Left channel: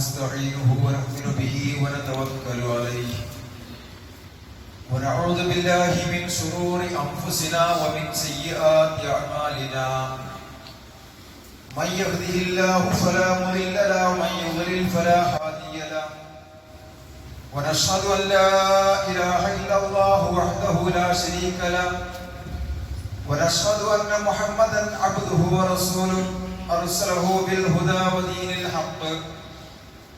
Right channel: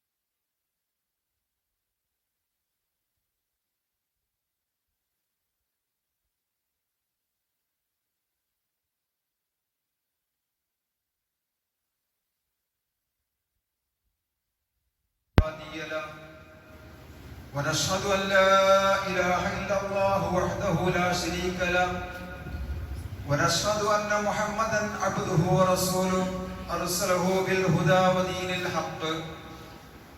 ونستعينه ونؤمن به ونتوكل عليه. ونعوذ بالله من شرور أنفسنا ومن سيئات أعمالنا. من يهده الله فلا مضل له ومن يضلل فلا هادي له. ونشهد أن لا إله إلا الله وحده لا شريك له. ونشهد أن محمدا عبده ورسوله أرسله بالهدى ودين الحق.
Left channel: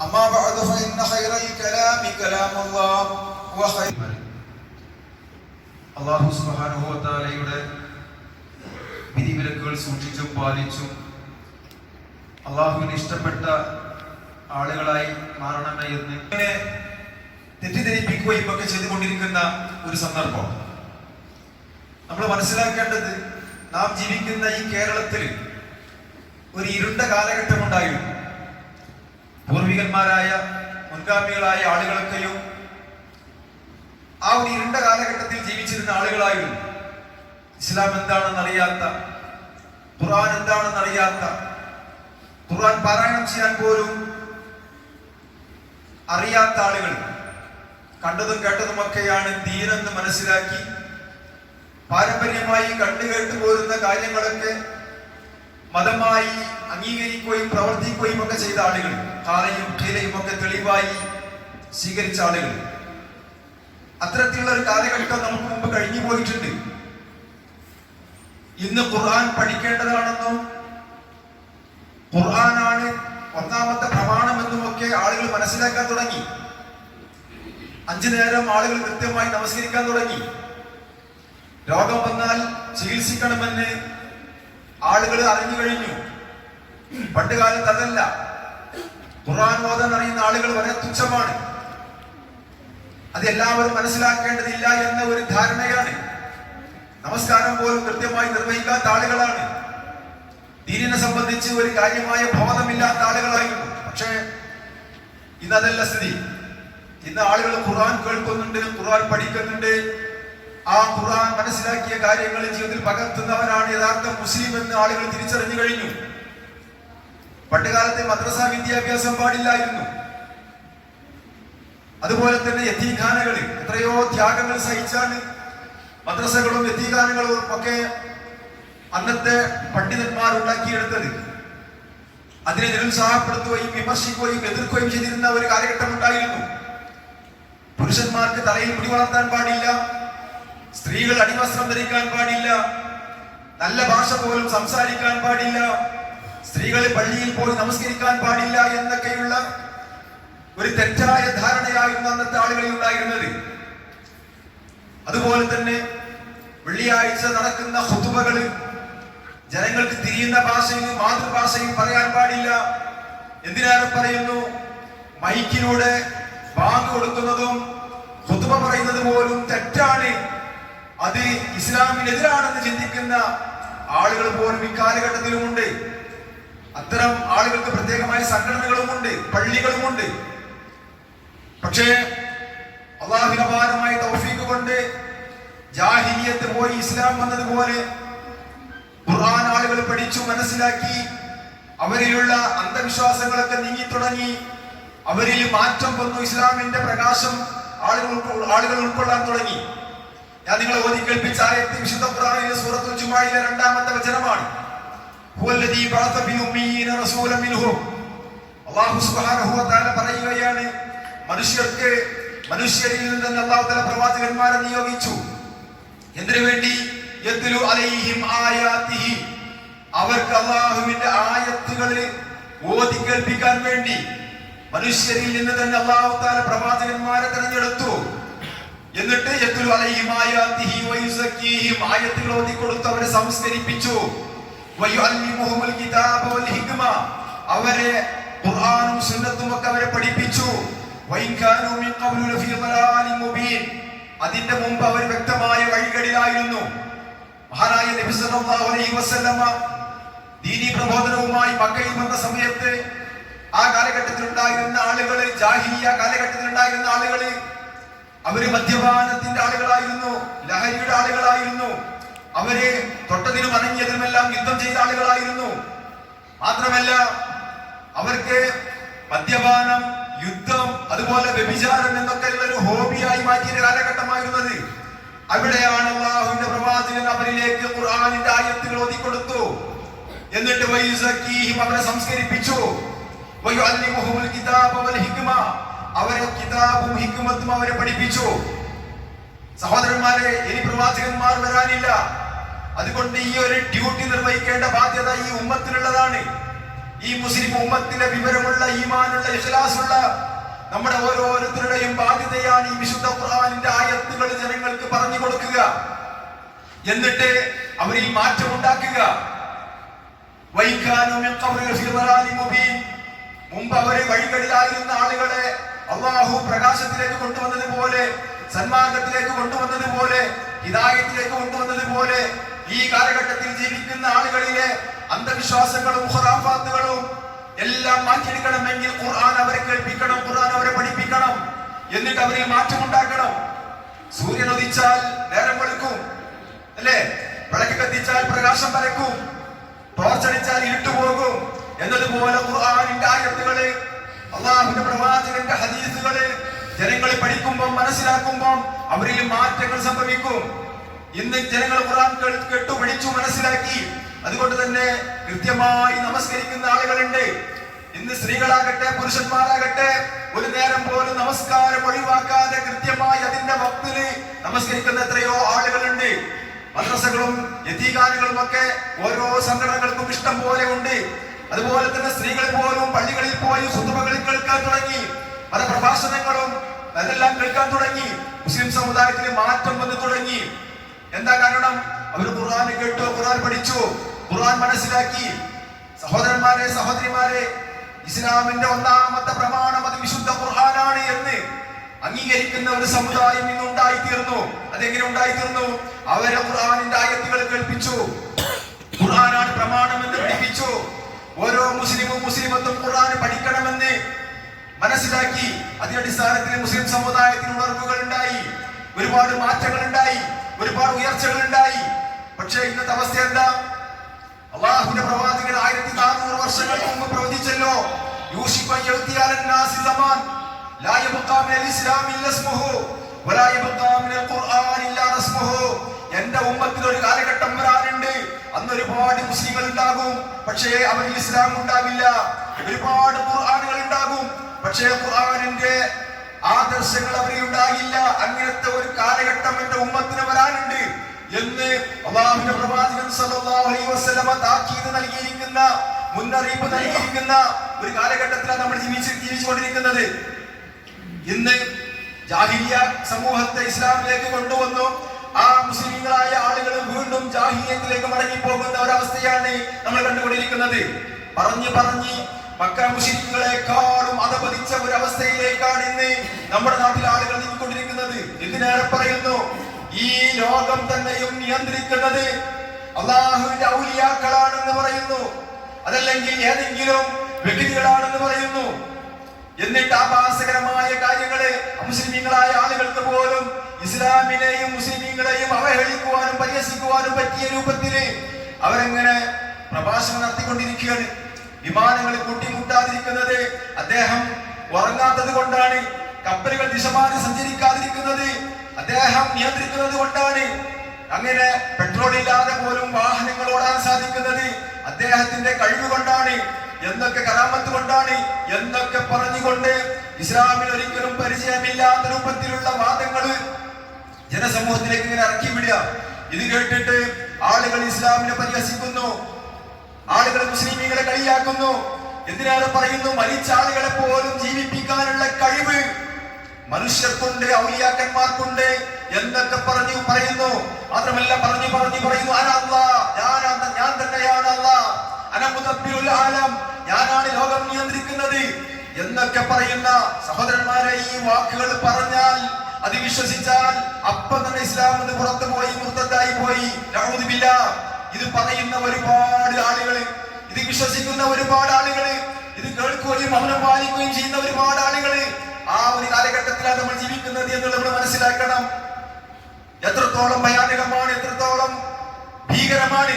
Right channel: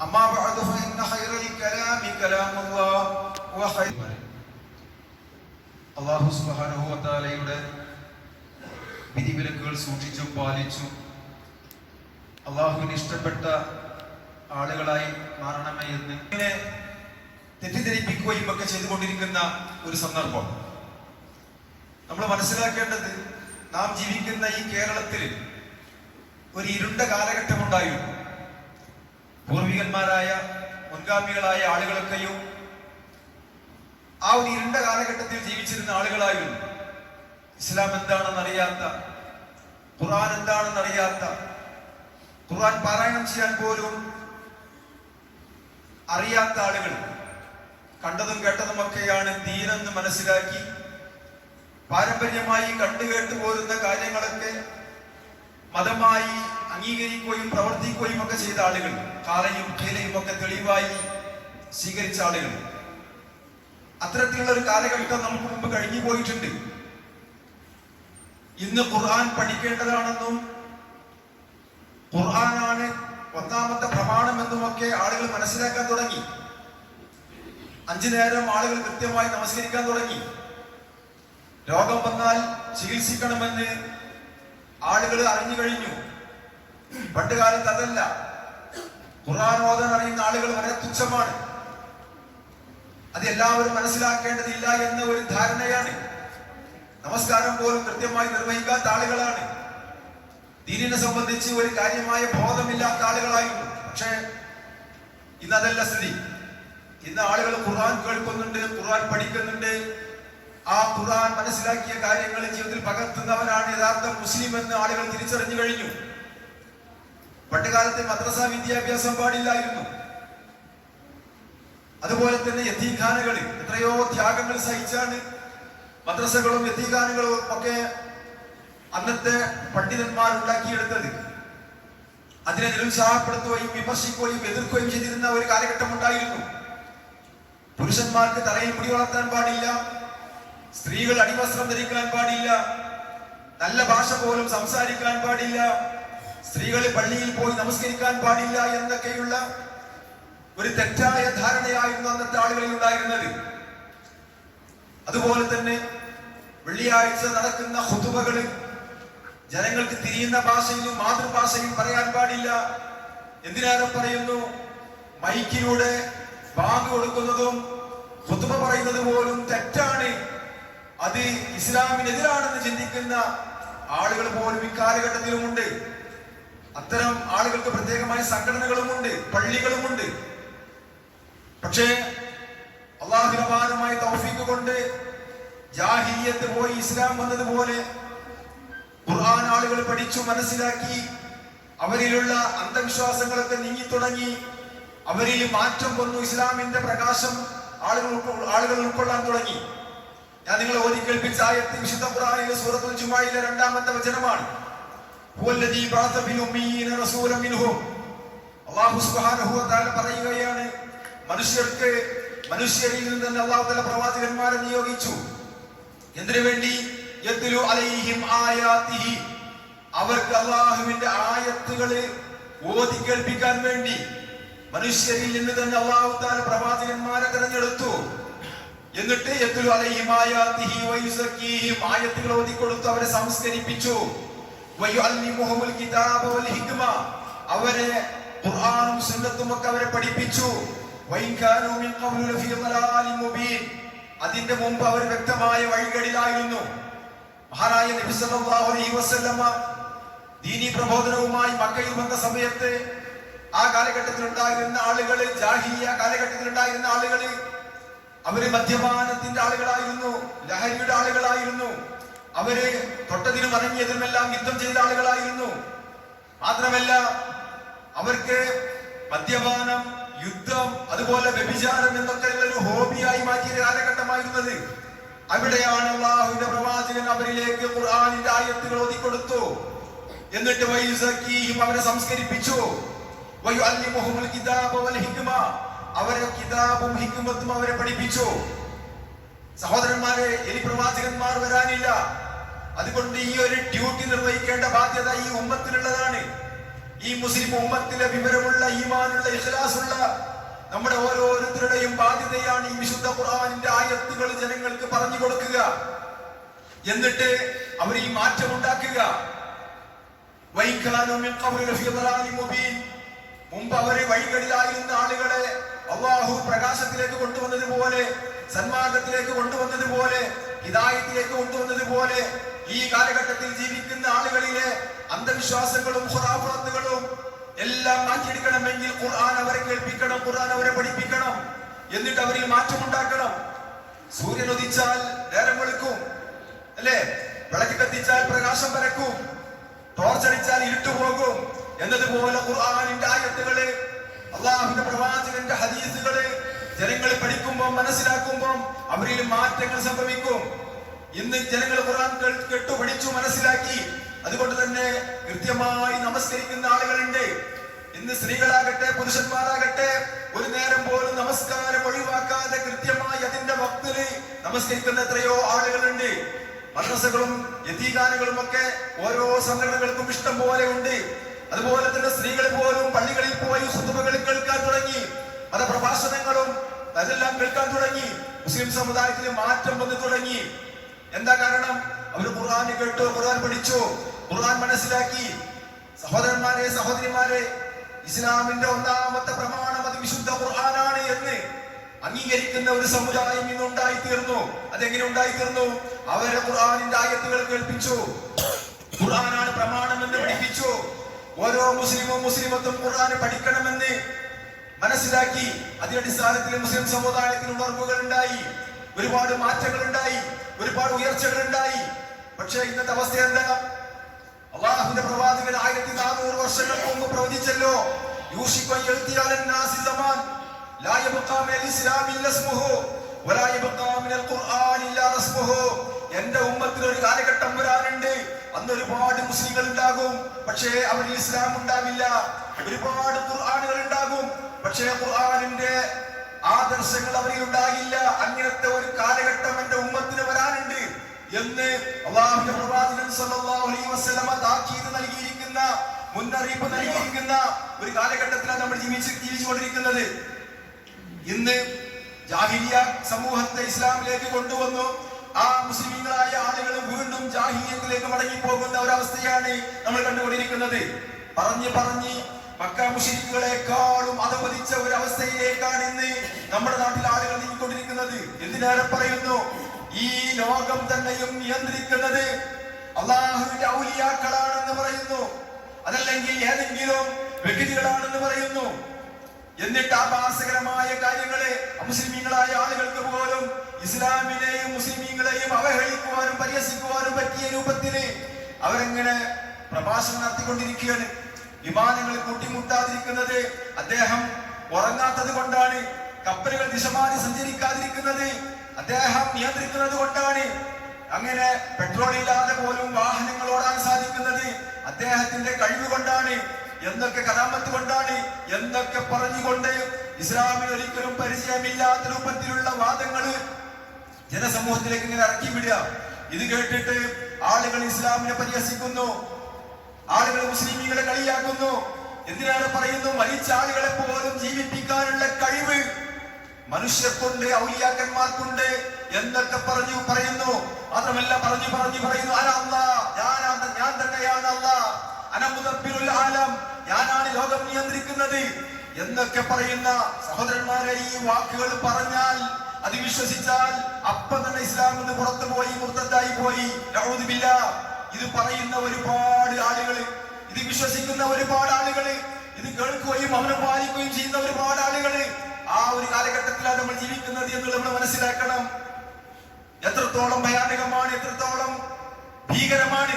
أما بعد فإن خير الكلام كلام الله وخير അള്ളാഹു സുബാനുഭവത്താലയുടെ വിധിവിലക്കുകൾ സൂക്ഷിച്ചും പാലിച്ചും അള്ളാഹുവിന് ഇഷ്ടപ്പെട്ട ആളുകളായി മാറണമേ എന്ന് ഇങ്ങനെ തെറ്റിദ്ധരിപ്പിക്കുകയും ഒക്കെ ചെയ്തുകൊണ്ടിരിക്കുന്ന ഒരു സന്ദർഭം നമ്മൾ മനസ്സിലാക്കേണ്ടത് നാം ജീവിക്കുന്ന ഈ കേരളത്തിൽ ഒരു ഇരുണ്ട കാലഘട്ടം ഉണ്ടായിരുന്നു പൂർവികന്മാരായ മുൻഗാമികളായ ആളുകളൊക്കെയോ ആ ഒരു ഇരുണ്ട കാലഘട്ടത്തിൽ ജീവിച്ചിരുന്ന ആളുകളായിരുന്നു. ഇസ്ലാം എന്താണെന്ന് അറിയാത്ത ഖുർആൻ എന്താണെന്ന് അറിയാത്ത ഖുർആൻ പാരായണം ചെയ്യാൻ പോലും അറിയാത്ത ആളുകൾ. കണ്ടതും കേട്ടതുമൊക്കെയാണ് ദീനെന്ന് മനസ്സിലാക്കി പാരമ്പര്യമായി കണ്ടുകേട്ടു പോരുന്ന കാര്യങ്ങളൊക്കെ മതമായി അംഗീകരിക്കുകയും പ്രവർത്തിക്കുകയും ഒക്കെ ചെയ്ത ആളുകൾ കാലയും ഖീലയും ഒക്കെ തെളിവായി സ്വീകരിച്ച ആളുകൾ. അത്തരത്തിലുള്ള ഒരു കാലഘട്ടം നമുക്ക് മുമ്പ് കഴിഞ്ഞു പോയിട്ടുണ്ട്. ഇന്ന് ഖുർആൻ പഠിക്കേണ്ടതാണെന്നും ഖുർആനാണ് ഒന്നാമത്തെ പ്രമാണമെന്നും ഒക്കെ ആളുകൾ മനസ്സിലാക്കാൻ തുടങ്ങി. അഞ്ചു നേരം ആളുകൾ കൃത്യമായി നമസ്കരിക്കാൻ തുടങ്ങി. രോഗം വന്നാൽ ചികിത്സിക്കണമെന്ന് ആളുകൾ അറിഞ്ഞു കഴിഞ്ഞു. പണ്ട് കാലത്ത് അതല്ല. ഖുർആൻ ഓതാൻ അറിയുന്ന ആളുകൾ വളരെ തുച്ഛമാണ്. അത് എല്ലാവരും മനസ്സിലാക്കേണ്ടതില്ല എന്ന ഒരു ധാരണയാണ്. നമസ്കാരം പോലും കൃത്യമായി നിർവഹിക്കാത്ത ആളുകളാണ്. ദീനിനെ സംബന്ധിച്ച് ഒരു കാര്യമായ ബോധമില്ലാത്ത ആളുകളായിരുന്നു. പക്ഷേ ഇതല്ല സ്ഥിതി. ഇന്ന് ആളുകൾ ഖുർആൻ കേൾക്കുന്നുണ്ട് ഖുർആൻ പഠിക്കുന്നുണ്ട്. ആ ഖുർആൻ മനസ്സിലാക്കിയ കാര്യങ്ങൾ ജീവിതത്തിൽ പകർത്തുന്നവരാണ് യഥാർത്ഥ മുസ്ലിം എന്ന് ആളുകൾ തിരിച്ചറിഞ്ഞു കഴിഞ്ഞു. പണ്ടുകാലത്ത് മദ്രസ വിദ്യാഭ്യാസം പാടില്ലായിരുന്നു. അതുപോലെ തന്നെ യതീഖാനകൾ എത്രയോ ത്യാഗങ്ങൾ സഹിച്ചാണ് മദ്രസകളും യത്തീഖാനകളും ഒക്കെ അന്നത്തെ പണ്ഡിതന്മാർ ഉണ്ടാക്കിയെടുത്തത് അതിനെ നിരുത്സാഹപ്പെടുത്തുകയും വിമർശിക്കുകയും എതിർക്കുകയും ചെയ്തിരുന്ന ഒരു കാലഘട്ടം ഉണ്ടായിരുന്നു പുരുഷന്മാർക്ക് തലയിൽ പിടി വളർത്താൻ പാടില്ല സ്ത്രീകൾ അടിവസ്ത്രം ധരിക്കാൻ പാടില്ല നല്ല ഭാഷ പോലും സംസാരിക്കാൻ പാടില്ല സ്ത്രീകൾ പള്ളിയിൽ പോയി നമസ്കരിക്കാൻ പാടില്ല എന്നൊക്കെയുള്ള ഒരു തെറ്റായ ധാരണയായിരുന്നു അന്നത്തെ ആളുകളിൽ ഉണ്ടായിരുന്നത്. അതുപോലെ തന്നെ വെള്ളിയാഴ്ച നടക്കുന്ന ഹുതുബകൾ ജനങ്ങൾക്ക് തിരിയുന്ന ഭാഷയും മാതൃഭാഷയും പറയാൻ പാടില്ല. എന്തിനേറെ പറയുന്നു? മൈക്കിലൂടെ ബാങ്ക് കൊടുക്കുന്നതും ഹുതുബ പറയുന്നത് പോലും തെറ്റാണ്. അത് ഇസ്ലാമിനെതിരാണെന്ന് ചിന്തിക്കുന്ന ആളുകൾ പോലും ഇക്കാലഘട്ടത്തിലുമുണ്ട്. അത്തരം ആളുകൾക്ക് പ്രത്യേകമായ സംഘടനകളുമുണ്ട് പള്ളികളുമുണ്ട്. പക്ഷേ അള്ളാഹിനപാരമായ തൗഫീക്ക് കൊണ്ട് ജാഹിയത്ത് പോയി ഇസ്ലാം വന്നതുപോലെ ഖുർആൻ ആളുകൾ പഠിച്ചു മനസ്സിലാക്കി അവരിലുള്ള അന്ധവിശ്വാസങ്ങളൊക്കെ നീങ്ങി തുടങ്ങി അവരിൽ മാറ്റം വന്നു ഇസ്ലാമിന്റെ പ്രകാശം ആളുകൾ ആളുകൾ ഉൾക്കൊള്ളാൻ തുടങ്ങി. ഞാൻ നിങ്ങൾ ഓതി കേൾപ്പിച്ച ആയത്ത് വിശുദ്ധ ഖുർആനിലെ സൂറത്തുൽ ചുമായിലെ രണ്ടാമത്തെ വചനമാണ്. വ തആല പറയുകയാണ് മനുഷ്യർക്ക് മനുഷ്യരിൽ നിന്ന് തന്നെ അല്ലാഹു തആല പ്രവാചകന്മാരെ നിയോഗിച്ചു. എന്തിനു വേണ്ടി? അവർക്ക് അള്ളാഹുവിന്റെ ആയത്തുകളെ ഓതി കേൾപ്പിക്കാൻ വേണ്ടി. മനുഷ്യരിൽ നിന്ന് തന്നെ അള്ളാഹു താല പ്രവാചകന്മാരെ തെരഞ്ഞെടുത്തു. എന്നിട്ട് ആയത്തുകൾ ഓതി കൊടുത്തു അവരെ സംസ്കരിപ്പിച്ചു. അവരെ ഖുർആനും സുന്നത്തും അവരെ പഠിപ്പിച്ചു. അതിന്റെ മുമ്പ് അവർ വ്യക്തമായ വഴികളിലായിരുന്നു. മഹാനായ നബി സല്ലല്ലാഹു അലൈഹി വസല്ലമ ദീനി പ്രബോധനവുമായി മക്കയിൽ വന്ന സമയത്ത് ആ കാലഘട്ടത്തിൽ ഉണ്ടായിരുന്ന ആളുകൾ ജാഹിയ കാലഘട്ടത്തിൽ ഉണ്ടായിരുന്ന ആളുകൾ അവർ മദ്യപാനത്തിന്റെ ആളുകളായിരുന്നു ലഹരിയുടെ ആളുകളായിരുന്നു. അവർ തൊട്ടതിന് അനങ്ങിയതിനുമെല്ലാം യുദ്ധം ചെയ്ത ആളുകളായിരുന്നു. മാത്രമല്ല അവർക്ക് മദ്യപാനം യുദ്ധം അതുപോലെ വ്യഭിചാരം എന്നൊക്കെയുള്ള ഒരു ഹോബിയായി മാറ്റിയ കാലഘട്ടമായിരുന്നത്. അവിടെയാണ് അള്ളാഹുവിന്റെ പ്രവാചകൻ അവരിലേക്ക് ഖുർആാനിന്റെ ആയത്തുകൾ ഓതിക്കൊടുത്തു. എന്നിട്ട് വൈസക്കീഹിം അവനെ സംസ്കരിപ്പിച്ചു. വയുഅല്ലിമുഹുൽ കിതാബ വൽ ഹിക്മ. അവരെ കിതാബും ഹിക്മത്തും അവരെ പഠിപ്പിച്ചു. സഹോദരന്മാരെ ഇനി പ്രവാചകന്മാർ വരാനില്ല. അതുകൊണ്ട് ഈ ഒരു ഡ്യൂട്ടി നിർവഹിക്കേണ്ട ബാധ്യത ഈ ഉമ്മത്തിനുള്ളതാണ്. ഈ മുസ്ലിം ഉമ്മത്തിലെ വിവരമുള്ള ഈമാനുള്ള ഇഖ്ലാസുള്ള നമ്മുടെ ഓരോരുത്തരുടെയും ബാധ്യതയാണ് ഈ വിശുദ്ധ ഖുർആാനിന്റെ ആയത്തുകൾ ജനങ്ങൾക്ക് പറഞ്ഞു കൊടുക്കുക. എന്നിട്ട് അവരിൽ മാറ്റമുണ്ടാക്കുക. മുമ്പ് അവർ വഴികളിലായിരുന്ന ആളുകളെ അള്ളാഹു പ്രകാശത്തിലേക്ക് കൊണ്ടുവന്നതുപോലെ സന്മാർഗത്തിലേക്ക് കൊണ്ടുവന്നതുപോലെ ഹിതായത്തിലേക്ക് കൊണ്ടുവന്നതുപോലെ ഈ കാലഘട്ടത്തിൽ ജീവിക്കുന്ന ആളുകളിലെ അന്ധവിശ്വാസങ്ങളും ഹുറാഫാത്തുകളും എല്ലാം മാറ്റിയെടുക്കണമെങ്കിൽ ഖുർആൻ അവരെ കേൾപ്പിക്കണം ഖുർആൻ അവരെ പഠിപ്പിക്കണം എന്നിട്ട് അവരിൽ മാറ്റമുണ്ടാക്കണം. സൂര്യൻ ഉദിച്ചാൽ നേരം വെളുക്കും അല്ലേ? വിളക്ക് കത്തിച്ചാൽ പ്രകാശം പരക്കും ടോർച്ചടിച്ചാൽ ഇരുട്ടുപോകും എന്നതുപോലെ ഖുർആനിന്റെ ആയത്തുകൾ അള്ളാഹുന്റെ പ്രവാചകന്റെ ഹദീസുകൾ ജനങ്ങളെ പഠിക്കുമ്പോൾ മനസ്സിലാക്കുമ്പോൾ അവരിൽ മാറ്റങ്ങൾ സംഭവിക്കും. ഇന്ന് ജനങ്ങൾ ഖുറാൻ കേട്ടു പിടിച്ചു മനസ്സിലാക്കി. അതുകൊണ്ട് തന്നെ കൃത്യമായി നമസ്കരിക്കുന്ന ആളുകളുണ്ട്. ഇന്ന് സ്ത്രീകളാകട്ടെ പുരുഷന്മാരാകട്ടെ ഒരു നേരം പോലും നമസ്കാരം ഒഴിവാക്കാതെ കൃത്യമായി അതിന്റെ ഭക്തിന് നമസ്കരിക്കുന്ന എത്രയോ ആളുകളുണ്ട്. മദ്രസകളും യതീഗാനങ്ങളും ഒക്കെ ഓരോ സംഘടനകൾക്കും ഇഷ്ടം പോലെ ഉണ്ട്. അതുപോലെ തന്നെ സ്ത്രീകൾ പോലും പള്ളികളിൽ പോയി സുതുമകൾ കേൾക്കാൻ തുടങ്ങി. പ്രഭാഷണങ്ങളും അതെല്ലാം കേൾക്കാൻ തുടങ്ങി. മുസ്ലിം സമുദായത്തിൽ മാറ്റം വന്നു തുടങ്ങി. എന്താ കാരണം? അവർ ഖുർആൻ കേട്ടു ഖുർആൻ പഠിച്ചു ഖുർആൻ മനസ്സിലാക്കി. സഹോദരന്മാരെ സഹോദരിമാരെ ഇസ്ലാമിന്റെ ഒന്നാമത്തെ പ്രമാണം അത് വിശുദ്ധ ഖുർആനാണ് എന്ന് അംഗീകരിക്കുന്ന ഒരു സമുദായം ഇന്ന് ഉണ്ടായിത്തീർന്നു. അതെങ്ങനെ ഉണ്ടായിത്തീർന്നു? അവരെ ഖുർആനിന്റെ ആയത്തുകൾ കേൾപ്പിച്ചു. ഖുർആനാണ് പ്രമാണം എന്ന് പഠിപ്പിച്ചു. ഓരോ മുസ്ലിമും മുസ്ലിമത്തും ഖുർആൻ പഠിക്കണമെന്ന് മനസ്സിലാക്കി. അതിനടിസ്ഥാനത്തിൽ മുസ്ലിം സമുദായത്തിന് ഉണർവുകൾ ഉണ്ടായി. ഒരുപാട് മാറ്റങ്ങൾ ഉണ്ടായി. ഒരുപാട് ഉയർച്ചകൾ ഉണ്ടായി പക്ഷേ ഇന്നത്തെ അവസ്ഥ എന്താ? അള്ളാഹുന്റെ പ്രവാചകൻ ആയിരത്തി നാനൂറ് വർഷങ്ങൾക്ക് മുമ്പ് പ്രവചിച്ചല്ലോ റസ്മുഹു എന്റെ ഉമ്മത്തിൽ ഒരു കാലഘട്ടം വരാനുണ്ട് അന്ന് ഒരുപാട് മുസ്ലിങ്ങൾ ഉണ്ടാകും. പക്ഷേ അവരിൽ ഇസ്ലാം ഉണ്ടാവില്ല. ഒരുപാട് ഖുർആനുകൾ ഉണ്ടാകും. പക്ഷേ ഖുർആനിന്റെ ആദർശങ്ങൾ അവരിൽ ഉണ്ടാകില്ല. അങ്ങനത്തെ ഒരു കാലഘട്ടം എന്റെ ഉമ്മത്തിന് വരാനുണ്ട് എന്ന് അള്ളാഹുവിന്റെ പ്രവാചകൻ സല്ലല്ലാഹു അലൈഹി വസല്ലമ താക്കീത് നൽകിയിരിക്കുന്ന മുന്നറിയിപ്പ് നൽകിയിരിക്കുന്ന ഒരു കാലഘട്ടത്തിലാണ് നമ്മൾ ജീവിച്ച് ജീവിച്ചുകൊണ്ടിരിക്കുന്നത്. ഇന്ന് ജാഹിലിയ സമൂഹത്തെ ഇസ്ലാമിലേക്ക് കൊണ്ടുവന്നു. ആ മുസ്ലിങ്ങളായ ആളുകൾ വീണ്ടും ജാഹിലിയത്തിലേക്ക് മടങ്ങി പോകുന്ന ഒരവസ്ഥയാണ് നമ്മൾ കണ്ടുകൊണ്ടിരിക്കുന്നത്. പറഞ്ഞു പറഞ്ഞ് മക്ക മുഷിരിക്കുകളെക്കാളും അധപതിച്ച ഒരു അവസ്ഥയിലേക്കാണ് ഇന്ന് നമ്മുടെ നാട്ടിൽ ആളുകൾ നീങ്ങിക്കൊണ്ടിരിക്കുന്നത്. എന്തിനേറെ പറയുന്നു? ഈ ലോകം തന്നെയും നിയന്ത്രിക്കുന്നത് അള്ളാഹുവിന്റെ ഔലിയാക്കളാണെന്ന് പറയുന്നു. അതല്ലെങ്കിൽ ഏതെങ്കിലും വ്യക്തികളാണെന്ന് പറയുന്നു. എന്നിട്ട് ആഭാസകരമായ കാര്യങ്ങളെ അമുസ്ലിമീങ്ങളായ ആളുകൾക്ക് പോലും ഇസ്ലാമിനെയും മുസ്ലിമീങ്ങളെയും അവഹേളിക്കുവാനും പരിഹസിക്കുവാനും പറ്റിയ രൂപത്തിൽ അവരെങ്ങനെ പ്രഭാഷണം നടത്തിക്കൊണ്ടിരിക്കുകയാണ്. വിമാനങ്ങൾ കൂട്ടിമുട്ടാതിരിക്കുന്നത് അദ്ദേഹം ഉറങ്ങാത്തത് കൊണ്ടാണ് കപ്പലുകൾ ദിശമാറി സഞ്ചരിക്കാതിരിക്കുന്നത് അദ്ദേഹം നിയന്ത്രിക്കുന്നത് കൊണ്ടാണ്. അങ്ങനെ പെട്രോൾ ഇല്ലാതെ പോലും വാഹനങ്ങൾ ഓടാൻ സാധിക്കുന്നത് അദ്ദേഹത്തിന്റെ കഴിവ് കൊണ്ടാണ് എന്തൊക്കെ കലാമത്ത് കൊണ്ടാണ് എന്തൊക്കെ പറഞ്ഞുകൊണ്ട് ഇസ്ലാമിൽ ഒരിക്കലും പരിചയമില്ലാത്ത രൂപത്തിലുള്ള വാദങ്ങൾ ജനസമൂഹത്തിലേക്ക് ഇങ്ങനെ ഇറക്കി വിടുക. ഇത് കേട്ടിട്ട് ആളുകൾ ഇസ്ലാമിനെ പരിഹസിക്കുന്നു. ആളുകൾ മുസ്ലിമീങ്ങളെ കളിയാക്കുന്നു. എന്തിനാണ് പറയുന്നു? മരിച്ച ആളുകളെ പോലും ജീവിപ്പിക്കാനുള്ള കഴിവ് മനുഷ്യർക്കുണ്ട് ഔലിയാക്കന്മാർക്കുണ്ട് എന്നൊക്കെ പറഞ്ഞു പറയുന്നു. മാത്രമല്ല പറഞ്ഞു പറഞ്ഞു പറയുന്നു ആരാ? ഞാൻ തന്നെയാണ് ആലം ഞാനാണ് ലോകം നിയന്ത്രിക്കുന്നത്. എന്നൊക്കെ പറയുന്ന സഹോദരന്മാരെ ഈ വാക്കുകൾ പറഞ്ഞാൽ അത് വിശ്വസിച്ചാൽ അപ്പം തന്നെ ഇസ്ലാം പുറത്തു പോയി മുർത്തത്തായി പോയി. ഇത് പറയുന്ന ഒരുപാട് ആളുകൾ ഇത് വിശ്വസിക്കുന്ന ഒരുപാട് ആളുകൾ ഇത് കേൾക്കുകയും അവനെ പാലിക്കുകയും ചെയ്യുന്ന ഒരുപാട് ആളുകൾ ആ ഒരു കാലഘട്ടത്തിലാണ് നമ്മൾ ജീവിക്കുന്നത് എന്ന് നമ്മൾ മനസ്സിലാക്കണം. എത്രത്തോളം ഭയാനകമാണ് എത്രത്തോളം ഭീകരമാണ്.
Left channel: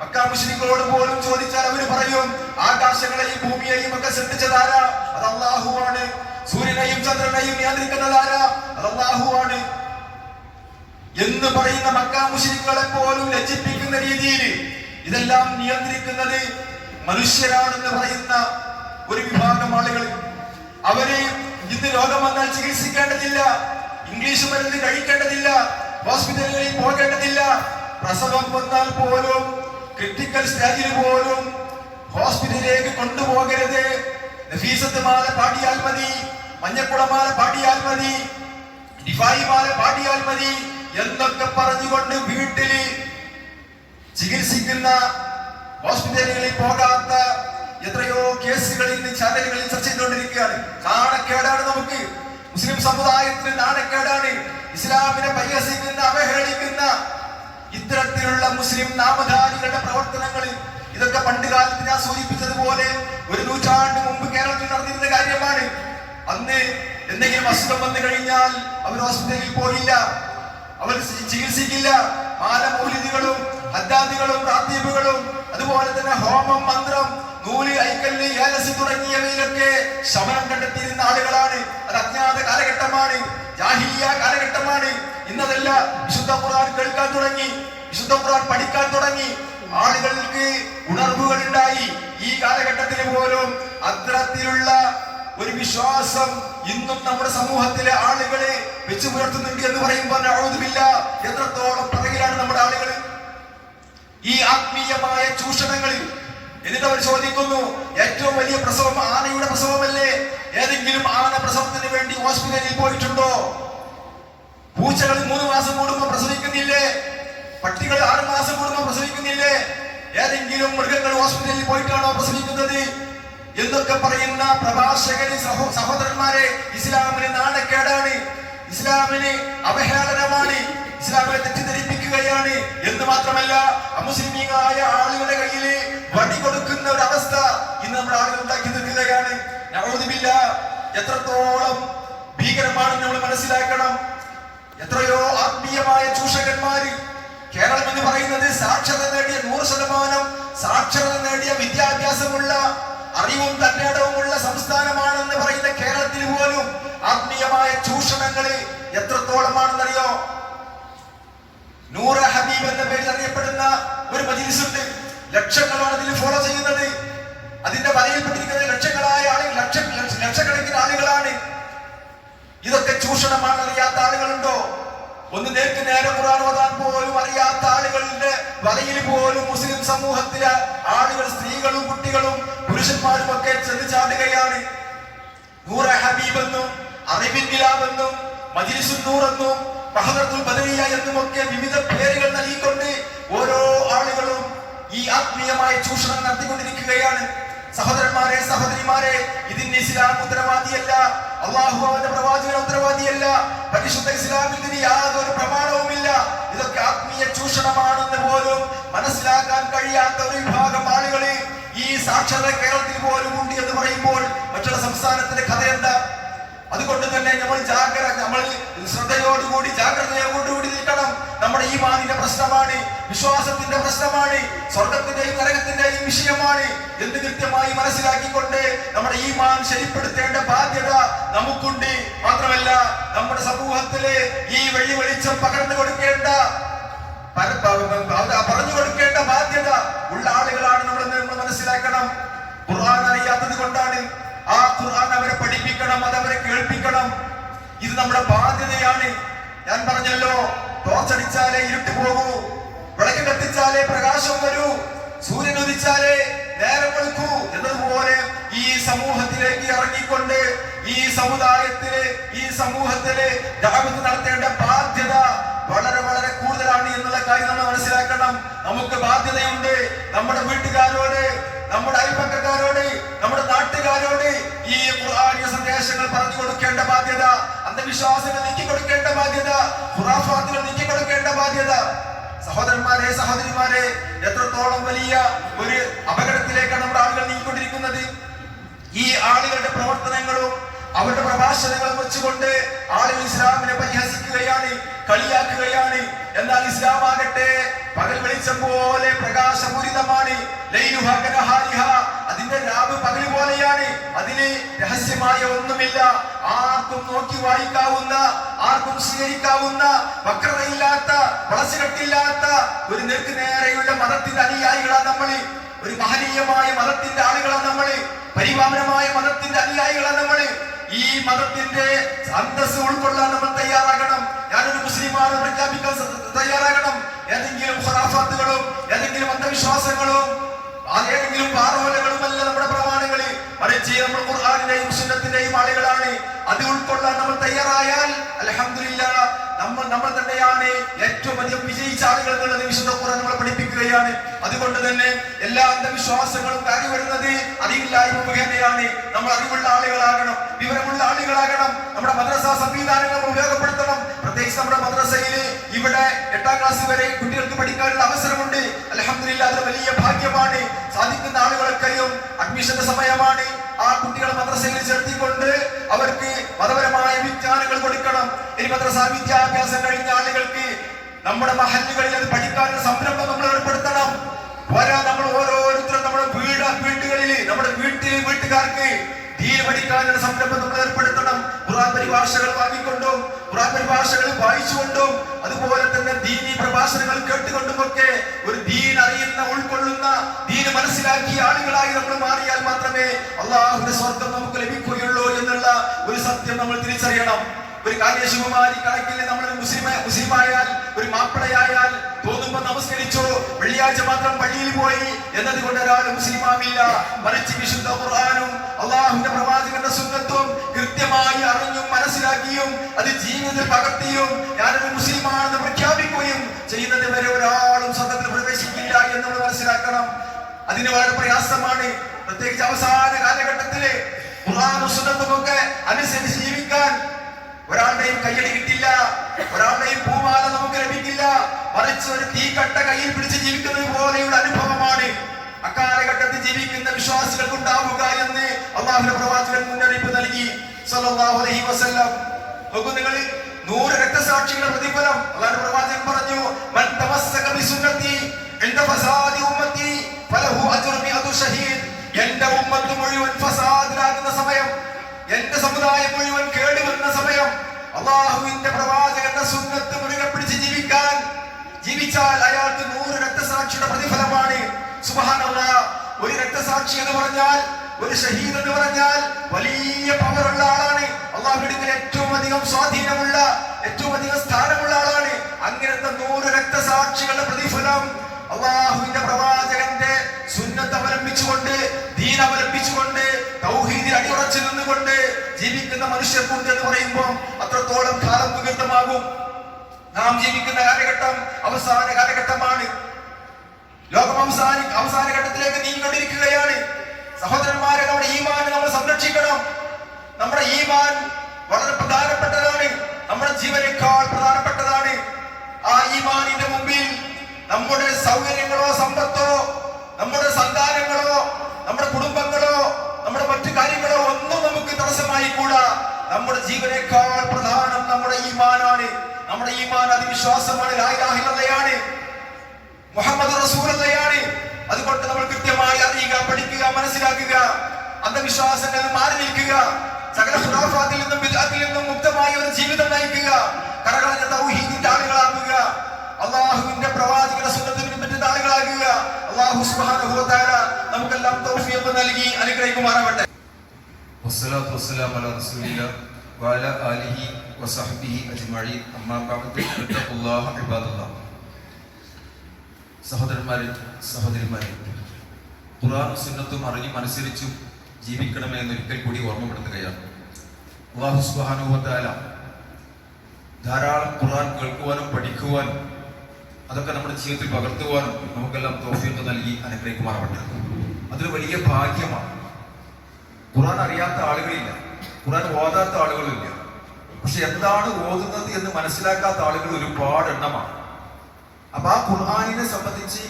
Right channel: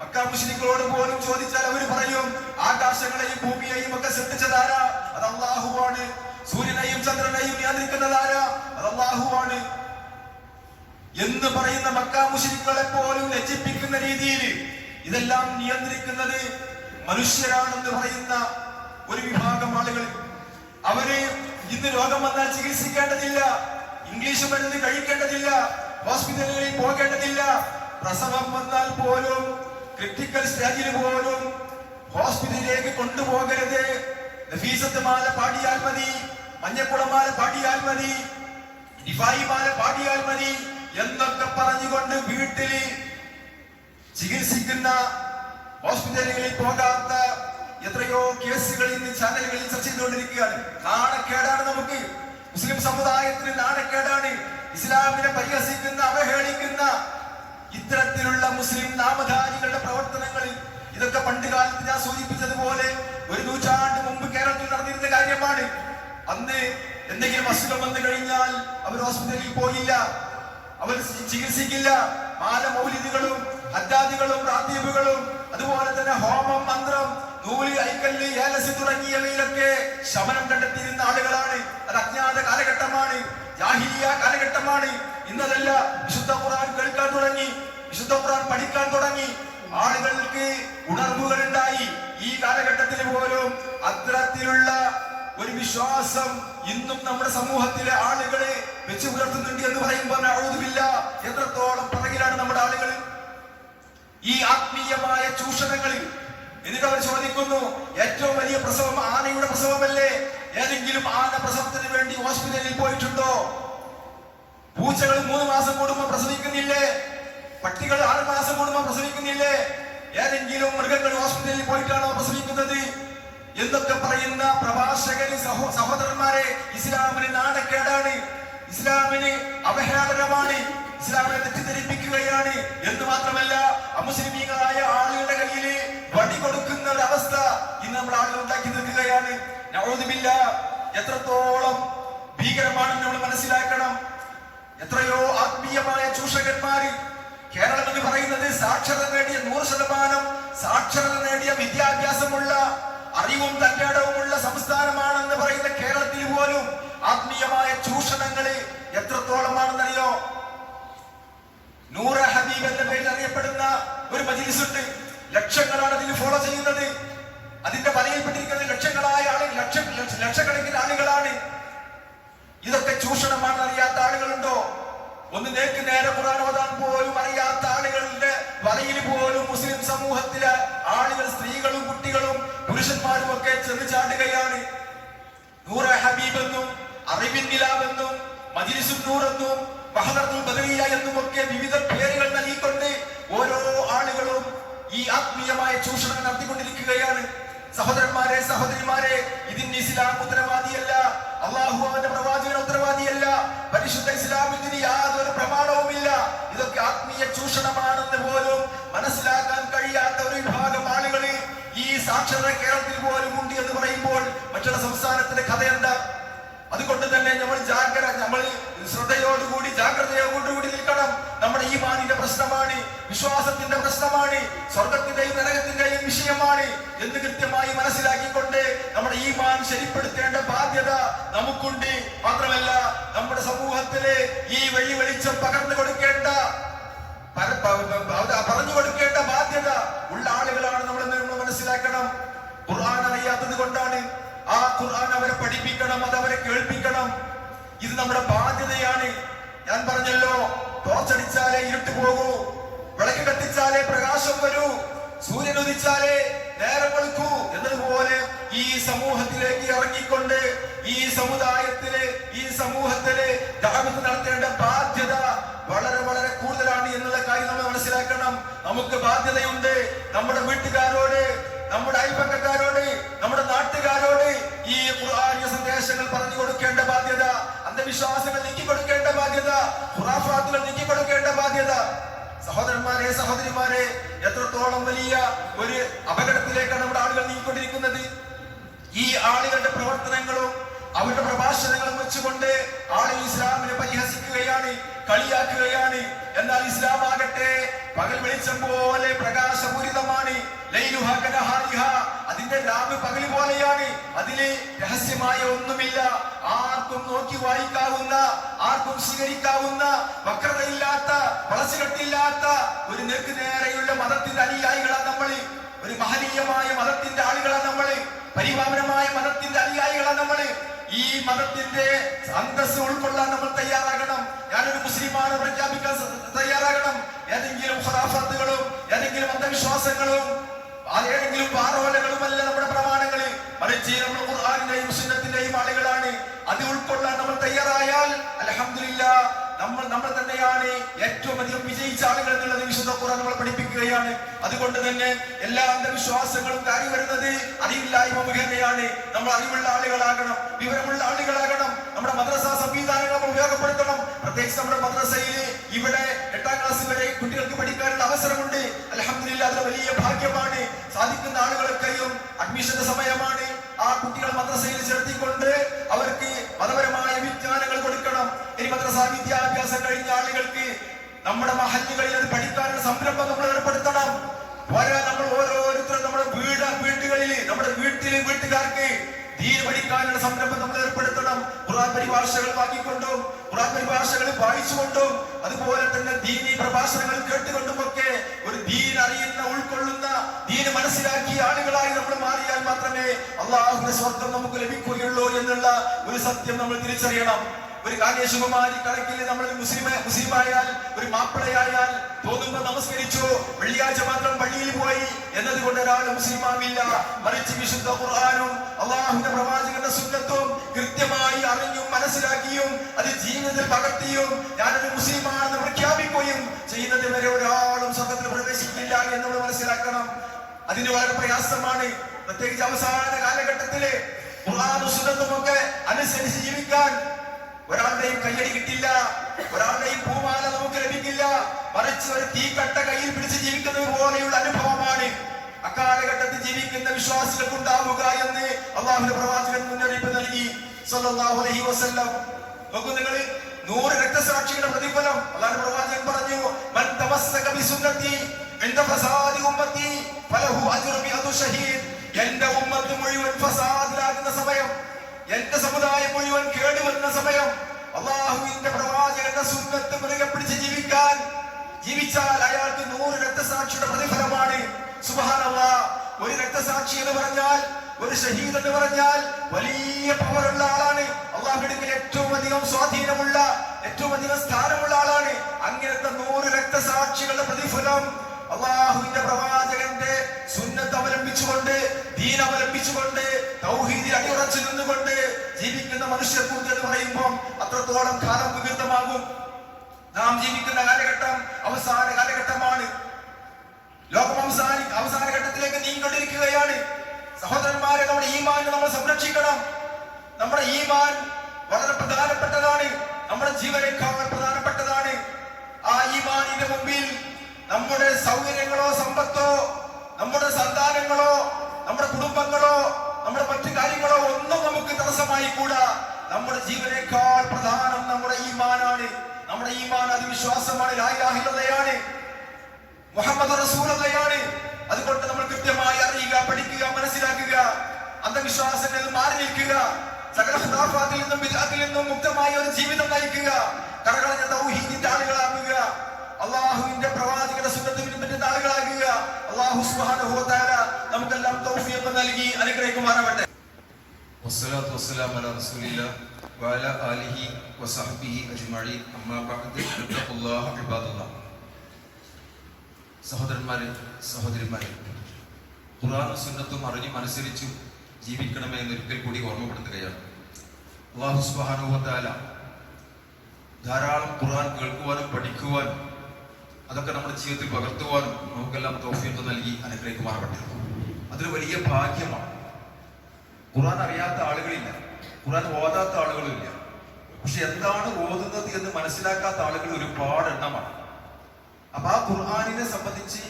മക്കാ മുസ്ലിങ്ങളോട് പോലും ചോദിച്ചാൽ അവർ പറയും ആകാശങ്ങളെയും ഭൂമിയെയും ഒക്കെ ശ്രദ്ധിച്ചതാരാ അത് അള്ളാഹുവാണ് സൂര്യനെയും ചന്ദ്രനെയും നിയന്ത്രിക്കുന്നതാരാ അത് അള്ളാഹുവാണ് എന്ന് പറയുന്ന മക്കാ മുസ്ലിങ്ങളെ പോലും ലജ്ജിപ്പിക്കുന്ന രീതിയിൽ ഇതെല്ലാം നിയന്ത്രിക്കുന്നത് മനുഷ്യരാണെന്ന് പറയുന്ന ഒരു വിഭാഗം ആളുകൾ. അവരെ ഇന്ന് രോഗം വന്നാൽ ചികിത്സിക്കേണ്ടതില്ല ഇംഗ്ലീഷ് മരുന്ന് കഴിക്കേണ്ടതില്ല ഹോസ്പിറ്റലിലേക്ക് പോകേണ്ടതില്ല. പ്രസവം വന്നാൽ പോലും ക്രിട്ടിക്കൽ സ്റ്റേജിൽ പോലും ഹോസ്പിറ്റലിലേക്ക് കൊണ്ടുപോകരുത്. നഫീസത്ത് മാല പാടിയാൽ മതി മഞ്ഞക്കുളമാല പാടിയാൽ മതി ഡിഫായിമാല പാടിയാൽ മതി. എന്നൊക്കെ പറഞ്ഞുകൊണ്ട് വീട്ടിൽ ചികിത്സിക്കുന്ന ഹോസ്പിറ്റലുകളിൽ പോകാത്ത എത്രയോ കേസുകൾ ഇന്ന് ചാനലുകളിൽ ചർച്ച ചെയ്തുകൊണ്ടിരിക്കുകയാണ് നാണക്കേടാണ് നമുക്ക്. മുസ്ലിം സമുദായത്തിന് നാണക്കേടാണ്. ഇസ്ലാമിനെ പരിഹസിക്കുന്ന അവഹേളിക്കുന്ന ഇത്തരത്തിലുള്ള മുസ്ലിം നാമധാരികളുടെ പ്രവർത്തനങ്ങളിൽ ഇതൊക്കെ പണ്ട് കാലത്ത് ഞാൻ സൂചിപ്പിച്ചതുപോലെ ഒരു നൂറ്റാണ്ട് മുമ്പ് കേരളത്തിൽ നടന്നിരുന്ന കാര്യമാണ്. അന്ന് എന്തെങ്കിലും അസുഖം വന്നു കഴിഞ്ഞാൽ അവർ ഹോസ്പിറ്റലിൽ പോയില്ല. അവർ ചികിത്സിക്കില്ല. മാലമൗലിദികളും ഹദ്ദാദികളും റാത്തീബുകളും അതുപോലെ തന്നെ ഹോമം മന്ത്രം നൂൽ ഐക്കല്ല് ഏലസ് തുടങ്ങിയവയിലൊക്കെ ശമനം കണ്ടെത്തിയിരുന്ന ആളുകളാണ്. അത് അജ്ഞാത കാലഘട്ടമാണ്. ജാഹിലിയ കാലഘട്ടമാണ്. ഇന്നതല്ല വിശുദ്ധ ഖുർആൻ കേൾക്കാൻ തുടങ്ങി. വിശുദ്ധ ഖുർആൻ പഠിക്കാൻ തുടങ്ങി. ആളുകൾക്ക് ഉണർവുകൾ ഉണ്ടായി ഈ കാലഘട്ടത്തിൽ പോലും അത്തരത്തിലുള്ള ഒരു വിശ്വാസം ഇന്നും നമ്മുടെ സമൂഹത്തിലെ ആളുകളെ വെച്ചു പുലർത്തുന്നുണ്ട് എന്ന് പറയുമ്പോൾ അഴുതുമില്ല എത്രത്തോളം പിറകിലാണ് നമ്മുടെ ആളുകൾ? ഈ ആത്മീയമായ ചൂഷണങ്ങളിൽ എന്നിട്ട് അവർ ചോദിക്കുന്നു ഏറ്റവും വലിയ പ്രസവം ആനയുടെ പ്രസവമല്ലേ? ഏതെങ്കിലും ആന പ്രസവത്തിന് വേണ്ടി ഹോസ്പിറ്റലിൽ പോയിട്ടുണ്ടോ? പൂച്ചകൾ മൂന്ന് മാസം കൂടുമ്പോൾ പ്രസവിക്കുന്നില്ലേ? പട്ടികൾ ആറ് മാസം കൂടുമ്പോൾ പ്രസവിക്കുന്നില്ലേ? ഏതെങ്കിലും മൃഗങ്ങൾ ഹോസ്പിറ്റലിൽ പോയിട്ടാണോ പ്രസവിക്കുന്നത്? എന്നൊക്കെ പറയുന്ന പ്രഭാഷകന് സഹോ സഹോദരന്മാരെ ഇസ്ലാമിന് നാണക്കേടാണ്. ഇസ്ലാമിന് അവഹേളനമാണ്. ഇസ്ലാമിനെ തെറ്റിദ്ധരിപ്പിക്കുകയാണ്. എന്ന് മാത്രമല്ല അമുസ്ലിമീങ്ങളായ ആളുകളുടെ കയ്യിൽ വടി കൊടുക്കുന്ന ഒരു അവസ്ഥ ഇന്ന് നമ്മുടെ ആളുകൾ ഉണ്ടാക്കി നിൽക്കുകയാണ് നവോദിമില്ല എത്രത്തോളം ഭീകരമാണെന്ന് നമ്മൾ മനസ്സിലാക്കണം. എത്രയോ ആത്മീയമായ ചൂഷകന്മാര് കേരളം എന്ന് പറയുന്നത് സാക്ഷരത നേടിയ നൂറ് ശതമാനം സാക്ഷരത നേടിയ വിദ്യാഭ്യാസമുള്ള അറിവും തന്റേടവുമുള്ള സംസ്ഥാനമാണെന്ന് പറയുന്ന കേരളത്തിൽ പോലും ആത്മീയമായ ചൂഷണങ്ങളിൽ എത്രത്തോളമാണെന്നറിയോ? നൂറ ഹബീബ് എന്ന പേരിൽ അറിയപ്പെടുന്ന ഒരു മജീസുണ്ട് ലക്ഷങ്ങളാണ് അതിൽ ഫോളോ ചെയ്യുന്നത്. അതിന്റെ വലയിൽപ്പെട്ടിരിക്കുന്ന ലക്ഷങ്ങളായ ആളുകൾ ലക്ഷ ലക്ഷക്കണക്കിന് ആളുകളാണ്. ഇതൊക്കെ ചൂഷണമാണെന്ന് അറിയാത്ത ആളുകളുണ്ടോ? ഒന്ന് നേർക്ക് നേരെ ഖുർആൻ ഓതാൻ പോലും അറിയാത്ത ആളുകളുടെ വലയിൽ പോലും മുസ്ലിം സമൂഹത്തിലെ ആളുകൾ സ്ത്രീകളും കുട്ടികളും പുരുഷന്മാരും ഒക്കെ ചെന്ന് ചാടുകയാണ്. നൂറ ഹബീബ് എന്നും മജിലിസുൽ നൂർ എന്നും മഹദത്തുൽ ബദരിയ എന്നും ഒക്കെ വിവിധ പേരുകൾ നൽകിക്കൊണ്ട് ഓരോ ആളുകളും ഈ ആത്മീയമായ ചൂഷണം നടത്തിക്കൊണ്ടിരിക്കുകയാണ്. സഹോദരന്മാരെ സഹോദരിമാരെ ഇതിന്റെ ഇസ്ലാം ഉത്തരവാദിയല്ല. അള്ളാഹു അവന്റെ പ്രവാചകൻ ഉത്തരവാദിയല്ല. പരിശുദ്ധ ഇസ്ലാമിൽ യാതൊരു പ്രമാണവുമില്ല. ഇതൊക്കെ ആത്മീയ ചൂഷണമാണെന്ന് പോലും മനസ്സിലാക്കാൻ കഴിയാത്ത ഒരു വിഭാഗം ആളുകളിൽ ഈ സാക്ഷരത കേരളത്തിൽ പോലും ഉണ്ട് എന്ന് പറയുമ്പോൾ മറ്റുള്ള സംസ്ഥാനത്തിന്റെ കഥ എന്താ? അതുകൊണ്ട് തന്നെ നമ്മൾ ജാഗ്രത നമ്മൾ ശ്രദ്ധയോടുകൂടി ജാഗ്രതയോടുകൂടി നിൽക്കണം. നമ്മുടെ ഈ മാനിന്റെ പ്രശ്നമാണ് വിശ്വാസത്തിന്റെ പ്രശ്നമാണ് സ്വർഗത്തിന്റെയും നരകത്തിന്റെയും വിഷയമാണ് എന്ന് കൃത്യമായി മനസ്സിലാക്കിക്കൊണ്ട് നമ്മുടെ ഈ മാൻ ശരിപ്പെടുത്തേണ്ട ബാധ്യത നമുക്കുണ്ട്. മാത്രമല്ല നമ്മുടെ സമൂഹത്തിലെ ഈ വെള്ളി വെളിച്ചം പകർന്നു കൊടുക്കേണ്ട പറഞ്ഞു കൊടുക്കേണ്ട ബാധ്യത ഉള്ള ആളുകളാണ് നമ്മൾ മനസ്സിലാക്കണം. ഖുർആൻ അറിയാത്തത് കൊണ്ടാണ് ആ ഖുർആൻ അവരെ പഠിപ്പിക്കണം അത് അവരെ കേൾപ്പിക്കണം. ഇത് നമ്മുടെ ബാധ്യതയാണ്. ഞാൻ പറഞ്ഞല്ലോ ടോർച്ചടിച്ചാലേ ഇരുട്ട് പോകൂ വിളക്ക് കത്തിച്ചാലേ പ്രകാശം വരൂ സൂര്യൻ ഉദിച്ചാലേ നേരം വെളുക്കൂ എന്നതുപോലെ ഈ സമൂഹത്തിലേക്ക് ഇറങ്ങിക്കൊണ്ട് ഈ സമുദായത്തിൽ ഈ സമൂഹത്തിൽ ജാഗ്രത നടത്തേണ്ട ബാധ്യത വളരെ വളരെ കൂടുതലാണ് എന്നുള്ള കാര്യം നമ്മൾ മനസ്സിലാക്കണം. നമുക്ക് ബാധ്യതയുണ്ട്. നമ്മുടെ വീട്ടുകാരോട് നമ്മുടെ അയൽപക്കക്കാരോട് നമ്മുടെ നാട്ടുകാരോട് ഈ ഖുർആനിക സന്ദേശങ്ങൾ പറഞ്ഞു കൊടുക്കേണ്ട ബാധ്യത അന്ധവിശ്വാസങ്ങൾ നീക്കി കൊടുക്കേണ്ട ബാധ്യത ഖുറാഫാത്തുകൾ നീക്കി കൊടുക്കേണ്ട ബാധ്യത. സഹോദരന്മാരെ സഹോദരിമാരെ എത്രത്തോളം വലിയ ഒരു അപകടത്തിലേക്കാണ് നമ്മുടെ ആളുകൾ നീങ്ങിക്കൊണ്ടിരിക്കുന്നത്? ഈ ആളുകളുടെ പ്രവർത്തനങ്ങളും അവരുടെ പ്രഭാഷണങ്ങളും വെച്ചുകൊണ്ട് ആളുകൾ ഇസ്ലാമിനെ പരിഹസിക്കുകയാണ് കളിയാക്കുകയാണ് എന്നാൽ ഇസ്ലാം ആകട്ടെ പകൽ വെളിച്ചം പോലെ പ്രകാശപൂരിതമാണ്. അതിന്റെ രാവ് പകൽ പോലെയാണ്. അതിന് രഹസ്യമായ ഒന്നുമില്ല. ആർക്കും നോക്കി വായിക്കാവുന്ന ആർക്കും സ്വീകരിക്കാവുന്ന വക്രതയില്ലാത്ത വളച്ചുകെട്ടില്ലാത്ത ഒരു നേർക്ക് നേരെയുള്ള മതത്തിന്റെ അനുയായികളാണ് നമ്മൾ. ഒരു മഹനീയമായ മതത്തിന്റെ ആളുകളാണ് നമ്മൾ. പരിപാവനമായ മതത്തിന്റെ അനുയായികളാണ് നമ്മൾ ഈ മതത്തിന്റെ അന്തസ് ഉൾക്കൊള്ളാൻ നമ്മൾ തയ്യാറാകണം. മുസ്ലിമാണ് പ്രഖ്യാപിക്കാൻ തയ്യാറാകണം. ഏതെങ്കിലും ഖുറാഫാത്തുകളും ഏതെങ്കിലും അന്ധവിശ്വാസങ്ങളും ഏതെങ്കിലും പാറവലകളുമല്ല നമ്മുടെ പ്രമാണങ്ങളിൽ. മറിച്ച് നമ്മൾ ഖുർആാനിന്റെയും സുന്നത്തിന്റെയും ആളുകളാണ്. അത് ഉൾക്കൊള്ളാൻ നമ്മൾ തയ്യാറായാൽ അലഹമില്ല നമ്മൾ നമ്മൾ തന്നെയാണ് ഏറ്റവും അധികം വിജയിച്ച ആളുകൾ എന്നുള്ളത് വിശുദ്ധ ഖുർആൻ നമ്മളെ പഠിപ്പിക്കുകയാണ് അതുകൊണ്ട് തന്നെ എല്ലാ അന്ധവിശ്വാസങ്ങളും കയറി വരുന്നത് അറിവില്ലായ്മ മുഖേനയാണ്. നമ്മൾ അറിവുള്ള ആളുകളാകണം വിവരമുള്ള ആളുകളാകണം. നമ്മുടെ മദ്രസ സംവിധാനങ്ങൾ ഉപയോഗപ്പെടുത്തണം. പ്രത്യേകിച്ച് നമ്മുടെ മദ്രസയിൽ ഇവിടെ എട്ടാം ക്ലാസ് വരെ കുട്ടികൾക്ക് പഠിക്കാനുള്ള അവസരമുണ്ട്. അലഹമില്ല അത് വലിയ ഭാഗ്യമാണ്. സാധിക്കുന്ന ആളുകളൊക്കെയും അഡ്മിഷന്റെ സമയമാണ്. ആ കുട്ടികളെ മദ്രസയിൽ ചേർത്തിക്കൊണ്ട് അവർക്ക് മതപരമായ വിജ്ഞാനങ്ങൾ കൊടുക്കണം. ഇനി മദ്രസ വിദ്യാഭ്യാസം കഴിഞ്ഞ ആളുകൾക്ക് നമ്മുടെ മഹല്ലുകളിൽ അത് പഠിക്കാനുള്ള പോരാ നമ്മൾ ഓരോരുത്തരും നമ്മുടെ വീട് വീടുകളിൽ നമ്മുടെ വീട്ടിൽ വീട്ടുകാർക്ക് ദീൻ പഠിക്കാനുള്ള സംരംഭം നമ്മൾ ഏർപ്പെടുത്തണം. ഖുർആൻ പരിഭാഷകൾ വാങ്ങിക്കൊണ്ടും ഖുർആൻ പരിഭാഷകൾ വായിച്ചുകൊണ്ടും അതുപോലെ തന്നെ ദീനി പ്രഭാഷണങ്ങൾ കേട്ടുകൊണ്ടും ഒക്കെ ഒരു ദീൻ അറിയുന്ന ഉൾക്കൊള്ളുന്ന ദീന് മനസ്സിലാക്കിയ ആളുകളായി നമ്മൾ മാറിയാൽ മാത്രമേ അള്ളാഹുവിന്റെ സ്വർഗം നമുക്ക് ലഭിക്കുകയുള്ളൂ എന്നുള്ള ഒരു സത്യം നമ്മൾ തിരിച്ചറിയണം. ഒരു കാര്യശിവമാരി കണക്കിൽ നമ്മൾ മുസ്ലിം മുസ്ലിമായാൽ ഒരു മാപ്പിളയായാൽ തോന്നുമ്പോ നമസ്കരിച്ചു വെള്ളിയാഴ്ച മാത്രം പള്ളിയിൽ പോയി എന്നതുകൊണ്ട് ഒരാൾ മുസ്ലിം ആവില്ല മറിച്ച് വിശുദ്ധ ഖുർആാനും അള്ളാഹുന്റെ പ്രവാചകന്റെ സുന്നത്തും കൃത്യമായി അറിഞ്ഞും മനസ്സിലാക്കിയും അത് ജീവിതത്തിൽ പകർത്തിയും ഞാനൊരു മുസ്ലിമാണെന്ന് പ്രഖ്യാപിക്കുകയും ചെയ്യുന്നത് വരെ ഒരാളും സ്വന്തത്തിൽ പ്രവേശിക്കില്ല എന്നുള്ളത് മനസ്സിലാക്കണം. അതിന് വളരെ പ്രയാസമാണ്. പ്രത്യേകിച്ച് അവസാന കാലഘട്ടത്തിലെ ഖുർആാനും സുന്നത്തുമൊക്കെ അനുസരിച്ച് ജീവിക്കാൻ ഒരാളുടെയും കയ്യടി കിട്ടില്ല. ഒരാളുടെയും പൂമാല നമുക്ക് ലഭിക്കില്ല. മറിച്ച് ഒരു തീക്കട്ട കയ്യിൽ പിടിച്ച് ജീവിക്കുന്നത് പോലെയുള്ള അനുഭവമാണ്. അക്കാലഘട്ടത്തിൽ ജീവിക്കുന്ന വിശ്വാസികൾക്ക് ഉണ്ടാവുക എന്ന് അള്ളാഹുന്റെ പ്രവാചകൻ മുന്നറിയിപ്പ് നൽകി. സല്ലല്ലാഹു അലൈഹി വസല്ലം. നോക്കൂ നിങ്ങൾ നൂറ് രക്തസാക്ഷികളുടെ പ്രതിഫലം അള്ളാഹു പ്രവാചകൻ പറഞ്ഞു. മൻ തമസ്സക ബിസുന്നതി എന്റെ ഫസാദി ഉമ്മത്തി ഫലഹു അജ്റു മിഅതു ഷഹീദ് എന്റെ ഉമ്മത്ത് മുഴുവൻ ഫസാദിലാകുന്ന സമയം എന്റെ സമുദായം മുഴുവൻ കേടുവന്ന സമയം അള്ളാഹുവിന്റെ പ്രവാചകന്റെ സുന്നത്ത് മുറുകെ പിടിച്ച് ജീവിക്കാൻ ജീവിച്ചാൽ അയാൾക്ക് നൂറ് രക്തസാക്ഷിയുടെ പ്രതിഫലമാണ്. സുബഹാനല്ല. ഒരു രക്തസാക്ഷി എന്ന് പറഞ്ഞാൽ ഒരു ഷഹീദ് എന്ന് പറഞ്ഞാൽ വലിയ പവറുള്ള ആളാണ്. അള്ളാഹുവിന്റെ ഏറ്റവും അധികം സ്വാധീനമുള്ള ഏറ്റവും അധികം സ്ഥാനമുള്ള ആളാണ്. അങ്ങനത്തെ നൂറ് രക്തസാക്ഷികളുടെ പ്രതിഫലം അള്ളാഹുവിന്റെ പ്രവാചകന്റെ സുന്നത്ത് അവലംബിച്ചുകൊണ്ട് ദീൻ അവലംബിച്ചുകൊണ്ട് തൗഹീദിൽ അടിയുറച്ചു നിന്നുകൊണ്ട് ജീവിക്കുന്ന മനുഷ്യർക്കുണ്ട് എന്ന് പറയുമ്പോൾ അത്രത്തോളം കാലം വികൃതമാകും നാം ജീവിക്കുന്ന കാലഘട്ടം അവസാന കാലഘട്ടമാണ്. ലോകം അവസാനി ഘട്ടത്തിലേക്ക് നീങ്ങിക്കൊണ്ടിരിക്കുകയാണ്. സഹോദരന്മാരെ നമ്മുടെ ഈമാൻ നമ്മൾ സംരക്ഷിക്കണം. നമ്മുടെ ഈമാൻ വളരെ പ്രധാനപ്പെട്ടതാണ്. നമ്മുടെ ജീവനേക്കാൾ പ്രധാനപ്പെട്ടതാണ്. ആ ഈമാനിന്റെ മുമ്പിൽ നമ്മുടെ സൗകര്യങ്ങളോ സമ്പത്തോ കൂടാ. നമ്മുടെ ജീവനേക്കാൾ പ്രധാനം നമ്മുടെ ഈമാനാണ്. നമ്മുടെ ഈമാൻ അതിവിശ്വാസമാണ്. ലായിലാഹിലതയാണ് മുഹമ്മദ് റസൂലതയാണ് അതുകൊണ്ട് നമ്മൾ കൃത്യമായി അറിയുക പഠിക്കുക മനസ്സിലാക്കുക അന്ധവിശ്വാസങ്ങളിൽ മാറി നിൽക്കുക സകല ഖുറാഫാത്തിൽ നിന്നും ബിദ്അത്തിൽ നിന്നും മുക്തമായ ഒരു ജീവിതം നയിക്കുക കടകളഞ്ഞ തൗഹീദിന്റെ ആളുകളാക്കുക അള്ളാഹുവിന്റെ പ്രവാചകന്റെ സുന്നത്തിന് പറ്റുന്ന ആളുകളാകുക അള്ളാഹു തആല നമുക്കെല്ലാം തൗഫീഖ് നൽകി അനുഗ്രഹിക്കുമാറാവട്ടെ. വസ്സലാത്തു വസ്സലാം അല റസൂലില്ല വാല ആലിഹി വസഹബിഹി അജ്മഴി അമ്മാബാദുല്ലാഹുബാദുല്ല സഹോദരന്മാരെ സഹോദരിമാരെ ഖുറാനും സുന്നത്തും അറിഞ്ഞു അനുസരിച്ചും ജീവിക്കണമേ എന്നൊരിക്കൽ കൂടി ഓർമ്മപ്പെടുത്തുകയാണ്. അള്ളാഹു സുബാനുവത്താല ധാരാളം ഖുറാൻ കേൾക്കുവാനും പഠിക്കുവാനും അതൊക്കെ നമ്മുടെ ജീവിതത്തിൽ പകർത്തുവാനും നമുക്കെല്ലാം തോഫിയൊക്കെ നൽകി അനുഗ്രഹിക്കുമാറാവട്ടെ. അതൊരു വലിയ ഭാഗ്യമാണ്. ഖുർആൻ അറിയാത്ത ആളുകളില്ല. ഖുർആൻ ഓതാത്ത ആളുകളില്ല. പക്ഷെ എന്താണ് ഓതുന്നത് എന്ന് മനസ്സിലാക്കാത്ത ആളുകൾ ഒരുപാട് എണ്ണമാണ്. അപ്പൊ ആ ഖുർആാനിനെ സംബന്ധിച്ച്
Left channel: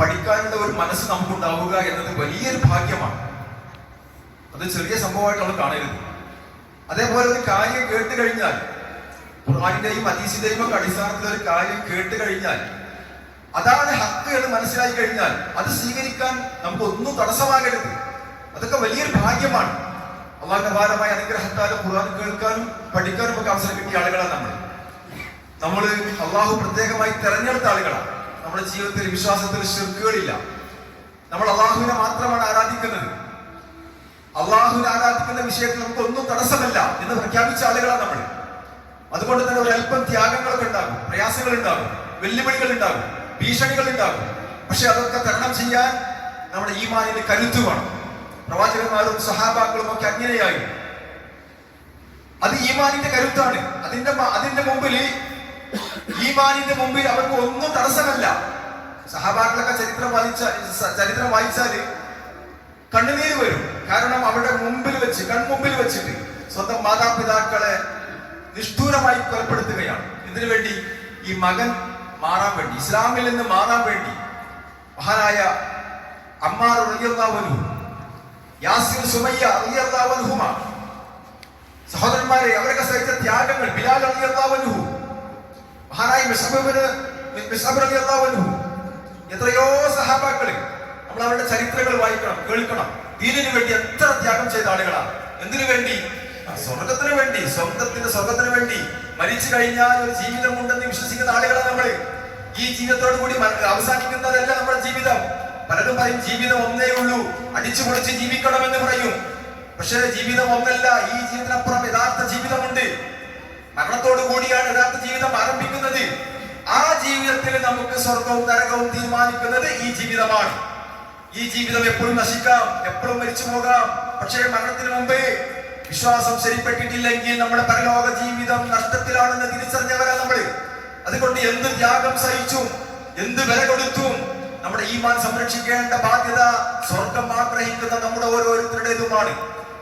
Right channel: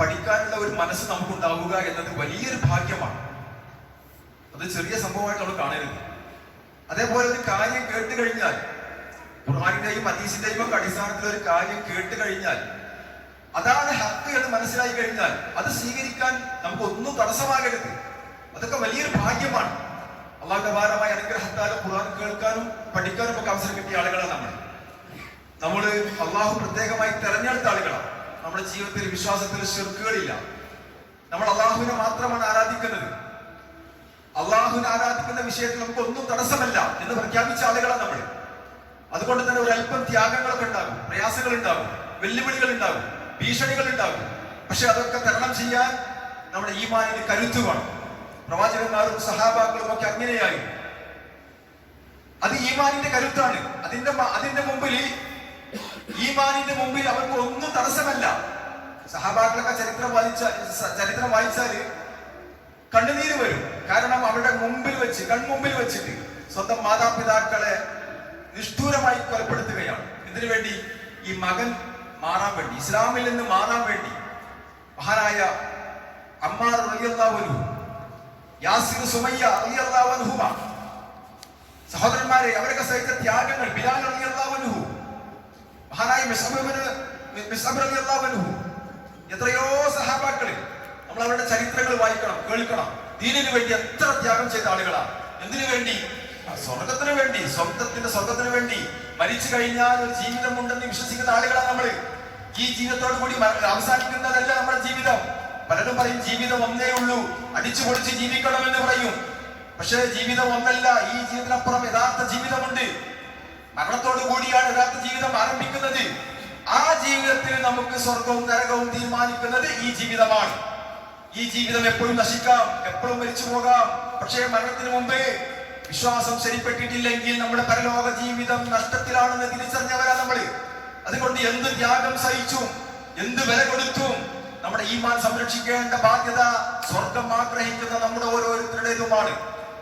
പഠിക്കാനുള്ള ഒരു മനസ്സ് നമുക്കുണ്ടാവുക എന്നത് വലിയൊരു ഭാഗ്യമാണ്. അത് ചെറിയ സംഭവമായിട്ട് നമ്മൾ കാണരുത്. അതേപോലെ ഒരു കാര്യം കേട്ട് കഴിഞ്ഞാൽ ഖുർആാനിന്റെയും അതീശിന്റെയും ഒക്കെ അടിസ്ഥാനത്തിൽ ഒരു കാര്യം കേട്ട് കഴിഞ്ഞാൽ അതാണ് ഹക്ക് എന്ന് മനസ്സിലായി കഴിഞ്ഞാൽ അത് സ്വീകരിക്കാൻ നമുക്ക് ഒന്നും തടസ്സമാകരുത്. അതൊക്കെ വലിയൊരു ഭാഗ്യമാണ്. അള്ളാഹുന്റെ ഭാരമായ അനുഗ്രഹത്താലും ഖുർആൻ കേൾക്കാനും പഠിക്കാനും ഒക്കെ അവസരം കിട്ടിയ ആളുകളാണ് നമ്മൾ നമ്മൾ അള്ളാഹു പ്രത്യേകമായി തെരഞ്ഞെടുത്ത ആളുകളാണ്. നമ്മുടെ ജീവിതത്തിൽ വിശ്വാസത്തിൽ ശിർക്കുകളില്ല. നമ്മൾ അള്ളാഹുവിനെ മാത്രമാണ് ആരാധിക്കുന്നത്. അള്ളാഹുവിനെ ആരാധിക്കുന്ന വിഷയത്തിൽ നമുക്ക് ഒന്നും തടസ്സമല്ല എന്ന് പ്രഖ്യാപിച്ച ആളുകളാണ് നമ്മൾ അതുകൊണ്ട് തന്നെ ഒരു അല്പം ത്യാഗങ്ങളൊക്കെ ഉണ്ടാകും പ്രയാസങ്ങൾ ഉണ്ടാകും വെല്ലുവിളികൾ ഉണ്ടാകും ഭീഷണികൾ ഉണ്ടാകും. പക്ഷെ അതൊക്കെ തരണം ചെയ്യാൻ നമ്മുടെ ഈമാനിന് കരുത്തു വേണം. പ്രവാചകന്മാരും സഹാബാക്കളും ഒക്കെ അങ്ങനെയായി. അത് ഈമാനിന്റെ കരുത്താണ്. അതിന്റെ അതിന്റെ മുമ്പിൽ ഈമാനിന്റെ മുമ്പിൽ അവർക്ക് ഒന്നും തടസ്സമല്ല. സഹാബാക്കളൊക്കെ ചരിത്രം വായിച്ച ചരിത്രം വായിച്ചാൽ കണ്ണുനീര് വരും. കാരണം അവരുടെ മുമ്പിൽ വെച്ച് കൺമുമ്പിൽ വെച്ചിട്ട് സ്വന്തം മാതാപിതാക്കളെ നിഷ്ഠൂരമായി കൊലപ്പെടുത്തുകയാണ്. ഇതിനു വേണ്ടി ഈ മകൻ മാറാൻ വേണ്ടി ഇസ്ലാമിൽ നിന്ന് മാറാൻ വേണ്ടി മഹാനായ അമ്മാർ റളിയല്ലാഹു യാസിർ സുമയ്യ സഹോദരന്മാരെ അവരൊക്കെ സഹിച്ച ത്യാഗങ്ങൾ ബിലാൽ റളിയല്ലാഹു മഹാനായി റളിയല്ലാഹു എത്രയോ സഹാബാക്കൾ നമ്മൾ അവരുടെ ചരിത്രങ്ങൾ വായിക്കണം കേൾക്കണം. ദീനിനു വേണ്ടി എത്ര ത്യാഗം ചെയ്ത ആളുകളാണ്. എന്തിനു വേണ്ടി? സ്വർഗത്തിന് വേണ്ടി സ്വന്തത്തിന്റെ സ്വർഗത്തിന് വേണ്ടി. മരിച്ചു കഴിഞ്ഞാൽ ഒരു ജീവിതമുണ്ടെന്ന് വിശ്വസിക്കുന്ന ആളുകളാണ് നമ്മൾ ഈ ജീവിതത്തോടു കൂടി അവസാനിക്കുന്നതല്ല നമ്മുടെ ജീവിതം. പലരും പറയും ജീവിതം ഒന്നേ ഉള്ളൂ. അടിച്ചു പൊളിച്ച് ജീവിക്കണമെന്ന് പറയും. പക്ഷേ ജീവിതം ഒന്നല്ല. ഈ ജീവിതത്തിനപ്പുറം യഥാർത്ഥ ജീവിതമുണ്ട്. മരണത്തോടു കൂടിയാണ് യഥാർത്ഥ ജീവിതം ആരംഭിക്കുന്നത്. ആ ജീവിതത്തിൽ നമുക്ക് സ്വർഗവും നരകവും തീരുമാനിക്കുന്നത് ഈ ജീവിതമാണ്. ഈ ജീവിതം എപ്പോഴും നശിക്കാം എപ്പോഴും മരിച്ചു പോകാം. പക്ഷേ മരണത്തിന് മുമ്പ് വിശ്വാസം ശരിപ്പെട്ടിട്ടില്ലെങ്കിൽ നമ്മുടെ പരലോക ജീവിതം നഷ്ടത്തിലാണെന്ന് തിരിച്ചറിഞ്ഞവരാണ് നമ്മൾ അതുകൊണ്ട് എന്ത് ത്യാഗം സഹിച്ചും എന്ത് വില കൊടുത്തും നമ്മുടെ ഈമാൻ സംരക്ഷിക്കേണ്ട ബാധ്യത സ്വർഗം ആഗ്രഹിക്കുന്ന നമ്മുടെ ഓരോരുത്തരുടേതുമാണ്.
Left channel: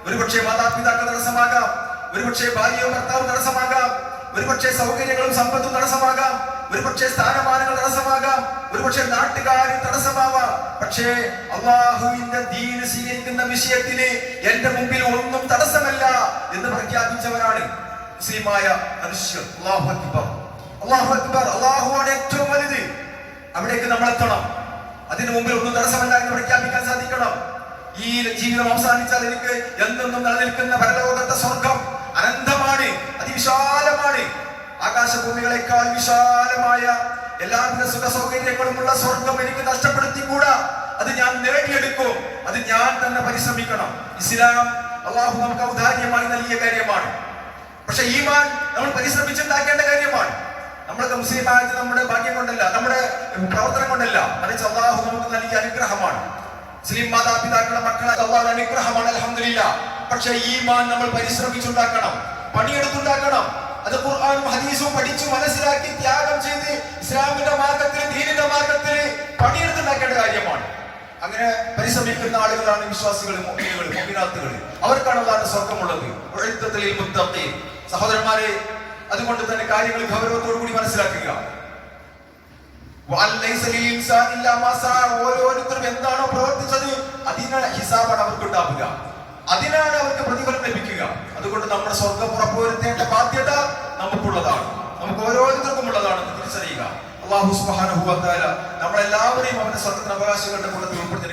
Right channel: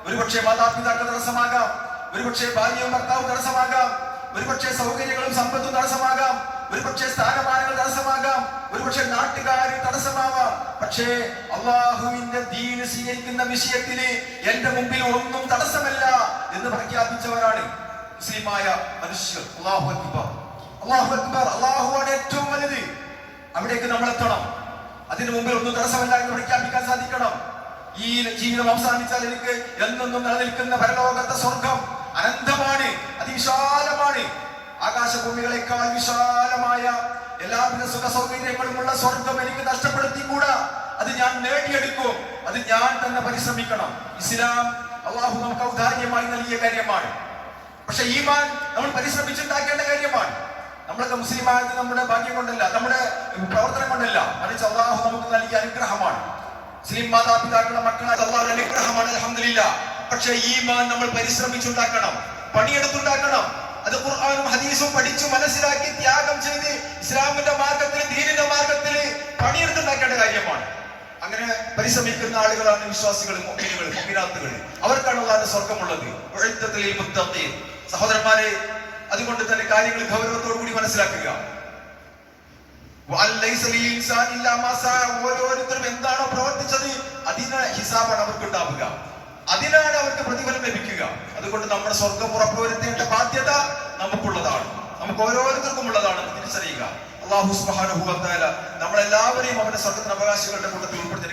ഒരുപക്ഷെ മാതാപിതാക്കൾ തടസ്സമാകാം ഒരുപക്ഷെ ഭാര്യ ഭർത്താവ് തടസ്സമാകാം ഒരുപക്ഷെ സൗകര്യങ്ങളും സമ്പത്തും തടസ്സമാകാം ഒരുപക്ഷെ സ്ഥാനമാനങ്ങൾ തടസ്സമാകാം ഒരുപക്ഷെ നാട്ടുകാർ തടസ്സമാവാം. പക്ഷേ അള്ളാഹുവിന്റെ ദീന് സ്വീകരിക്കുന്ന വിഷയത്തിന് എന്റെ മുമ്പിൽ ഒന്നും തടസ്സമല്ല എന്ന് പ്രഖ്യാപിച്ചവരാണ് മുസ്ലിമായ മനുഷ്യർ. അള്ളാഹു അക്ബർ. അള്ളാഹു അക്ബർ. അള്ളാഹുവാണ് ഏറ്റവും വലുത്. അവിടേക്ക് നമ്മൾ എത്തണം അതിനു മുമ്പിൽ ഒന്നും തടസ്സമല്ല എന്ന് പ്രഖ്യാപിക്കാൻ സാധിക്കണം. ഈ ജീവിതം അവസാനിച്ചാൽ എനിക്ക് എന്നെന്നും നിലനിൽക്കുന്ന പരലോകത്തെ സ്വർഗം അനന്തമാണ് അതിവിശാലമാണ്. ആകാശഭൂമികളെക്കാൾ വിശാലമായ എല്ലാവിധ സുഖ സൗകര്യങ്ങളുമുള്ള സ്വർഗം എനിക്ക് നഷ്ടപ്പെടുത്തിക്കൂടാ? അത് ഞാൻ നേടിയെടുക്കും. അത് ഞാൻ തന്നെ പരിശ്രമിക്കണം. ഇസ്ലാം അള്ളാഹു നമുക്ക് ഔദാര്യമായി നൽകിയ കാര്യമാണ്. പക്ഷെ ഈമാൻ നമ്മൾ പരിശ്രമിച്ചുണ്ടാക്കേണ്ട കാര്യമാണ്. നമ്മളൊക്കെ മുസ്ലിമായത് നമ്മുടെ ഭാഗ്യം കൊണ്ടല്ല നമ്മുടെ പ്രവർത്തനം കൊണ്ടല്ല. അത് അള്ളാഹു നമുക്ക് നൽകിയ അനുഗ്രഹമാണ്. മുസ്ലിം മാതാപിതാക്കളുടെ മക്കളെ അള്ളാഹ് അനുഗ്രഹമാണ് അലഹമില്ല പക്ഷെ ഈ മാൻ നമ്മൾ പരിശ്രമിച്ചുണ്ടാക്കണം പണിയെടുത്തുണ്ടാക്കണം. അത് ഖുർആാനും ഹദീസും പഠിച്ചു മനസ്സിലാക്കി ത്യാഗം ചെയ്ത് ഇസ്ലാമിന്റെ മാർഗത്തിൽ ദീനിന്റെ മാർഗത്തിൽ പണിയെടുത്തുണ്ടാക്കേണ്ട കാര്യമാണ്. അങ്ങനെ പരിശ്രമിക്കുന്ന ആളുകളാണ് വിശ്വാസികൾ മുഅ്മിനുകൾ മുഅ്മിനാത്തുകൾ അവർക്കാണ് സ്വർഗമുള്ളത് സഹോദരന്മാരെ അതുകൊണ്ട് തന്നെ കാര്യങ്ങൾ ഗൗരവത്തോടു കൂടി മനസ്സിലാക്കുക. ഓരോരുത്തരും എന്താണോ പ്രവർത്തിച്ചത് അതിനാണ് ഹിസാബാണ് അവർക്ക് ഉണ്ടാവുക. അതിനാണ് അവർക്ക് പ്രതിഫലം ലഭിക്കുക. അതുകൊണ്ട് നമ്മുടെ സ്വർഗം ഉറപ്പുവരുത്തേണ്ട ബാധ്യത നമുക്കുള്ളതാണ്. നമുക്ക് ഓരോരുത്തർക്കും ഉള്ളതാണ്. തിരിച്ചറിയുക. അള്ളാഹു തആല നമ്മളെല്ലാവരെയും അവന്റെ സ്വർഗത്തിന് അവകാശങ്ങളുടെ കൂട്ടത്തിൽ ഉൾപ്പെടുത്തി